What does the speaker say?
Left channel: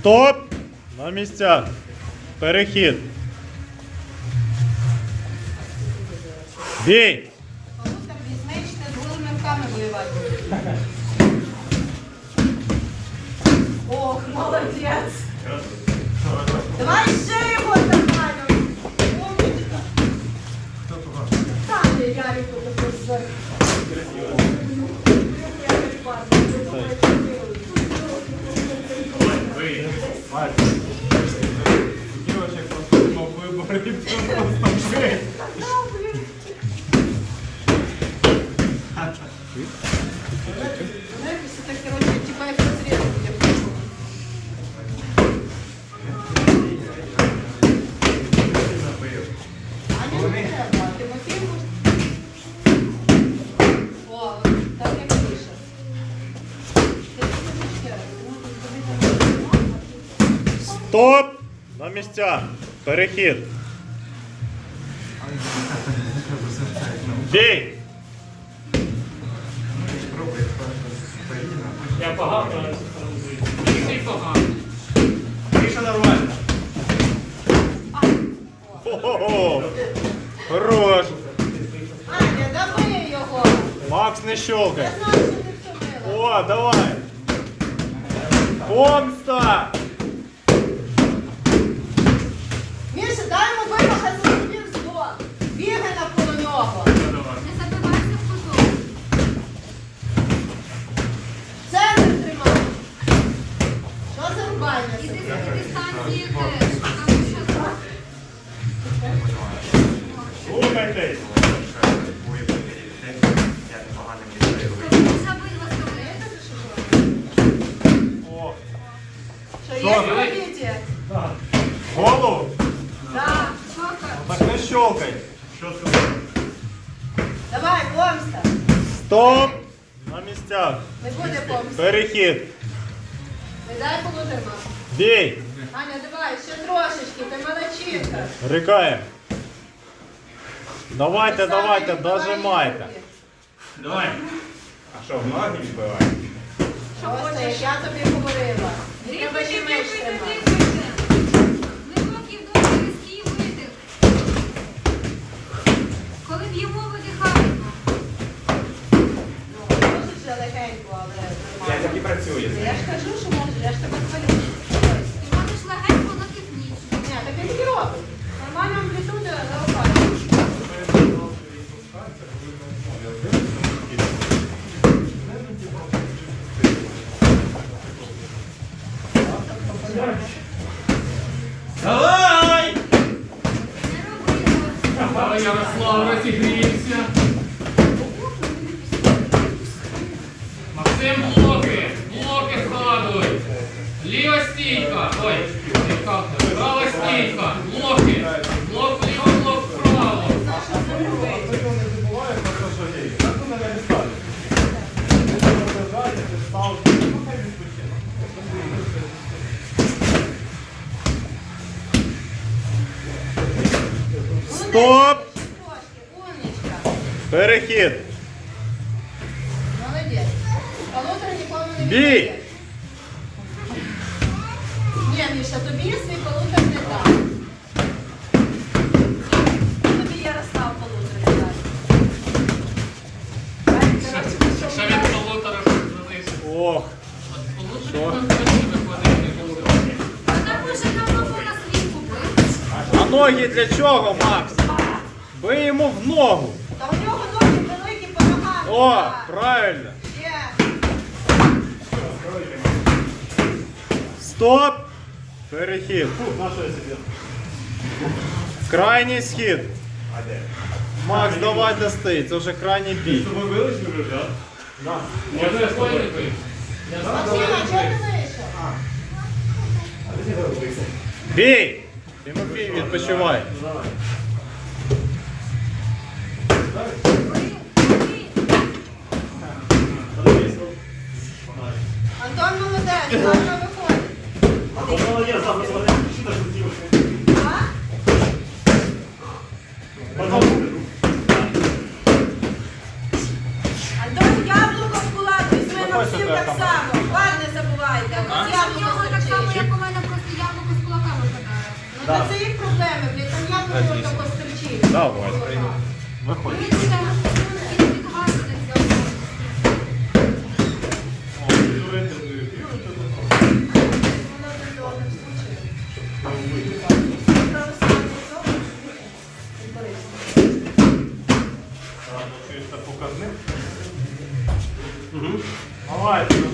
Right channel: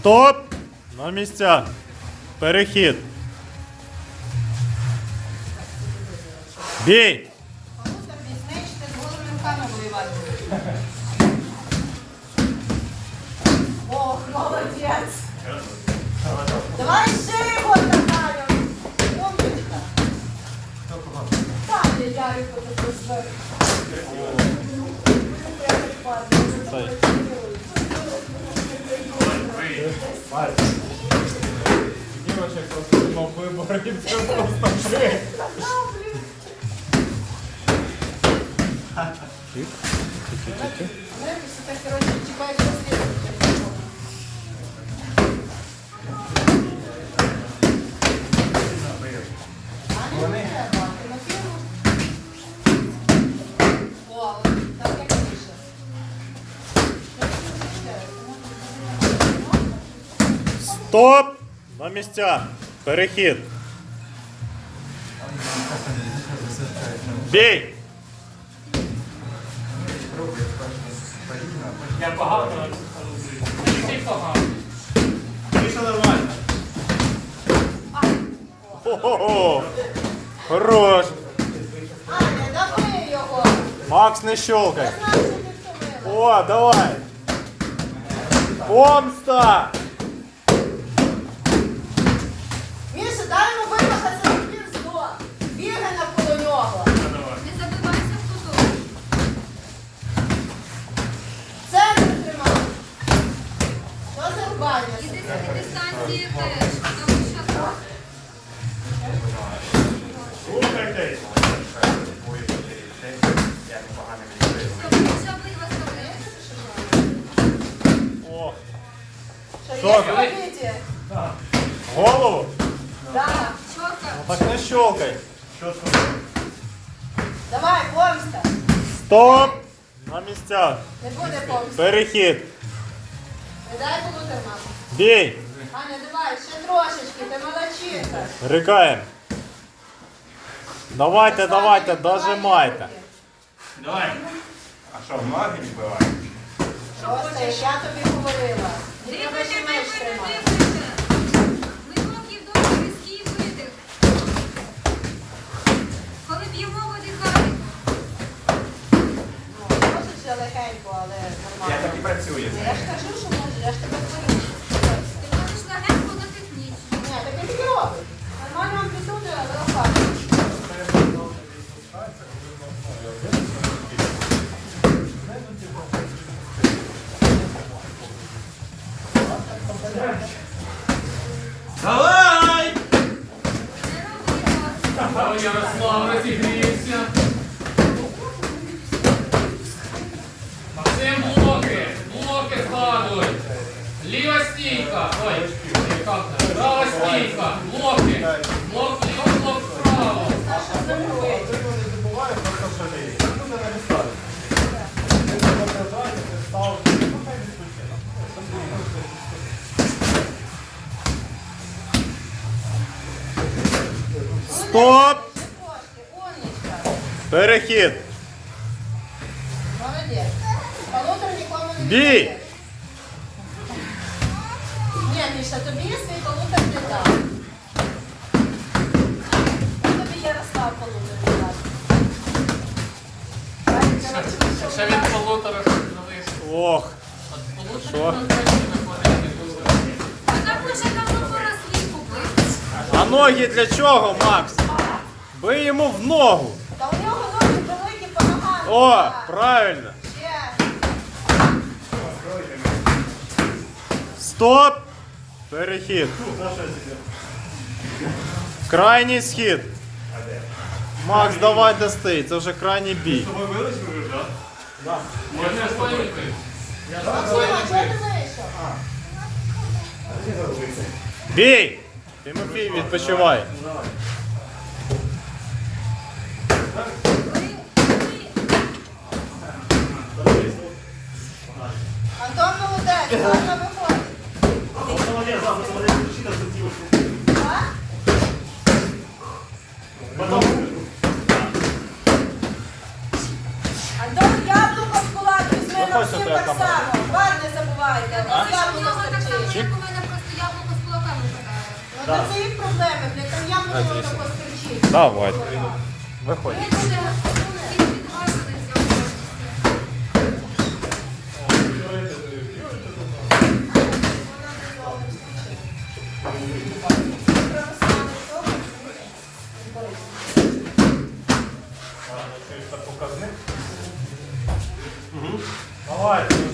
Стоп! На місця. Перехід. Бій! Стоп! На місця. Перехід. Бій! Я погано. Всі погано. Більше нормально. Хо-хо-хо! Хорош! Аня, дави його! Макс не щелкай. Я знаю, що ти втомила. О, давай! Помста! Так. Не щелкай. Що це? Давай, помста. Стоп! На місця. Не буде помсти. Перехід. Не дай полудерма. Бій! Аня, давай, ще трошечки, ти молодчинка. Рикаємо. Давайте, давайте, дожимайте. Давай. А що, в ноги вбивають? Що хочеш? Я тобі говорила. Треба ще дрібайте, тримати. Ну, але Я нормально. так і працюю. Я ж кажу, так. Ярослава, зігрійся. Максим блоки. Блоки складуй. Ліва стійка. Ой, права стійка. Стоп! Перехід. Молодець. Полутора нікому не Бій! Ні, Міша, тобі свій полутор не дам. Тобі Ярослав полутор не. Ще від полутора залишиться. Ох. От Що? Вона. А ноги для чого, Макс? Бий йому в ногу. Та у нього ноги великі, помагати. О, правильно. Стоп! Перехід. Крайній схід. Макс, давай достий, це вже крайній бій. Тобі вилиш вже, так? Виходити. Максима, чого ти вийшов? Бій! Тимофій відпочивай. Антон, яблуко в кулак візьми, Максим так само. Бар не забувайте. Давай. Виходь. Давайте, нажимайте.